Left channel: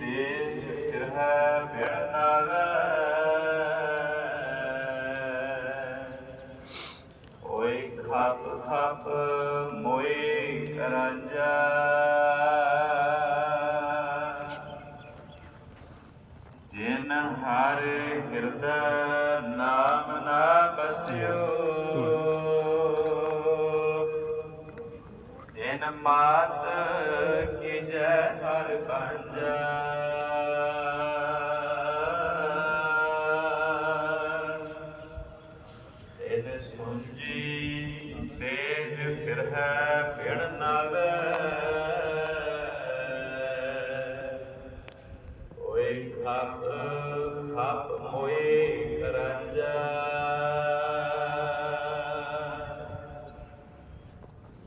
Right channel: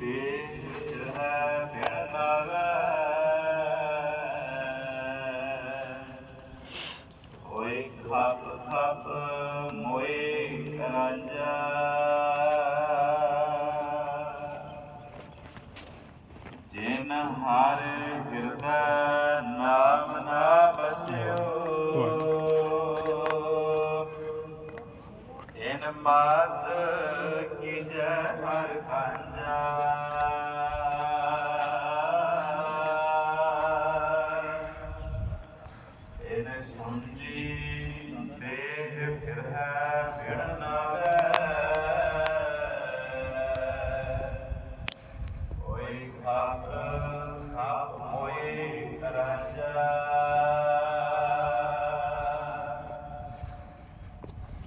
ਦੇਖ ਹੈ ਬਿਨ ਨਾਵੇ ਓਏ ਖਪ ਖਪ ਮੋਏ ਰਾਂਝਾ ਜਿਨ ਹਰ ਹਿਰਦੈ ਨਾਮ ਨਾ ਬਸਿਓ, ਜਿਨ ਮਾਤ ਕੀ ਜੈ ਹਰ ਕਾਂਜਾ। ਇਨ ਸੁਣਜੀ ਦੇਹ ਫਿਰ ਹੈ ਫਿਣ ਨਾਵੇ ਓਏ ਖਾਪ ਖਾਪ ਹੋਏ ਕਰੰਜਾ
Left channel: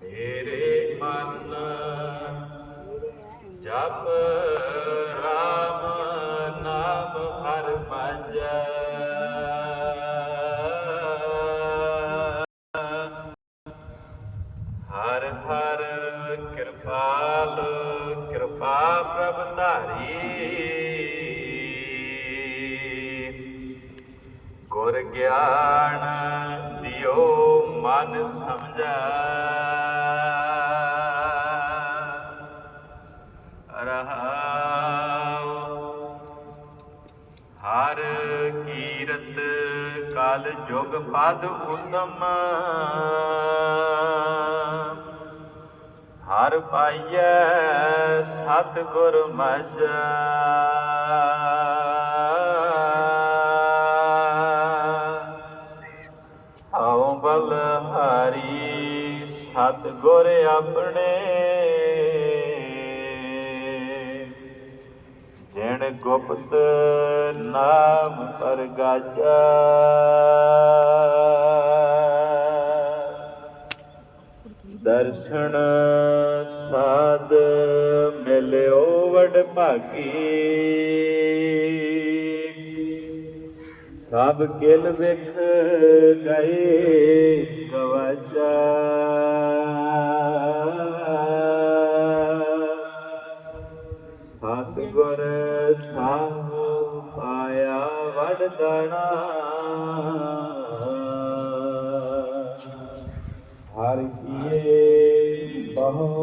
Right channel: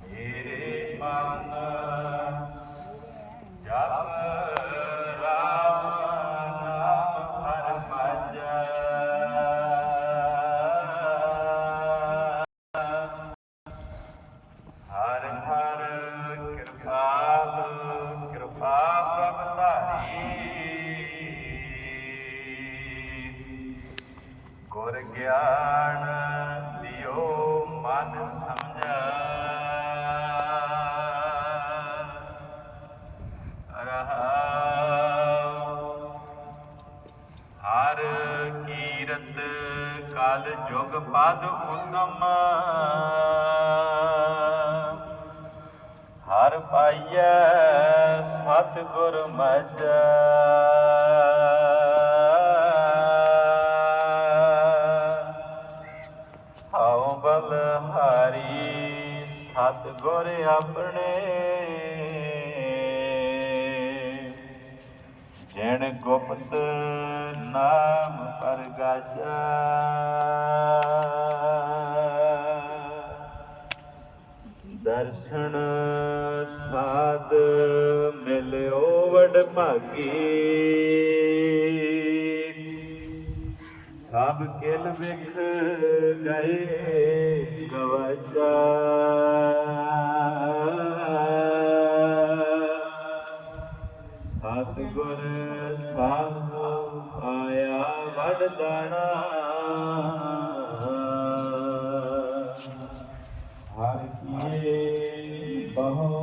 ਮੇਰੇ ਮਨ ਧਾਰੀ ਗੁਰ ਗਿਆਨ ਦਿਓ ਮਨ ਸਮਝਾ। ਰਹਾਉ ਹਰ ਕੀਰਤ ਕਾਲ ਜੁਗ ਪਦ ਹੁਕਮ ਹਰ ਪਾਈਐ ਸਤ ਗੁਰ ਮਜ। ਬਲ ਹਰੀ ਸਤ ਗੁਰ ਆਪਣੇ। ਜਿਣ ਗੁਪਤ ਨਾਮ ਕਰ ਗਾਜਾ। ਦਰਸ਼ਨ ਮਿਲਿਓ ਵਡ ਭਾਗੀ। ਸਭ ਕਿਲ ਵਿਖ ਗਏ ਗਵਾਚਾ। ਸਤ ਗੁਰ ਸਾਧ ਆਇਆ ਵਡਦਾਣਾ ਹਰ ਕੀਏ ਬਹੁ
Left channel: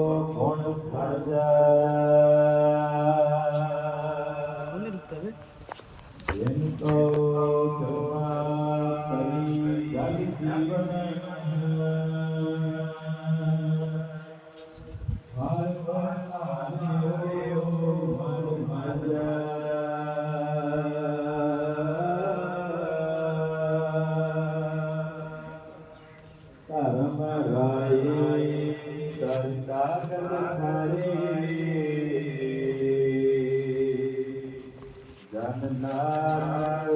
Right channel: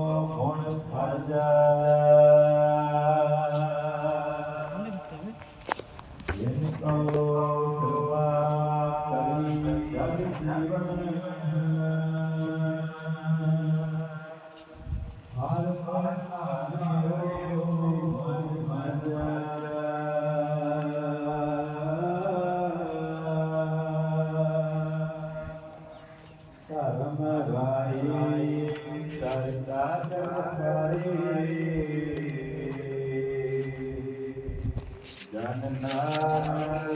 ਧਰਮ ਰਾਏ ਕਰਤਾ ਕਰ ਖਾਰੇ ਜਨ ਨਾਮ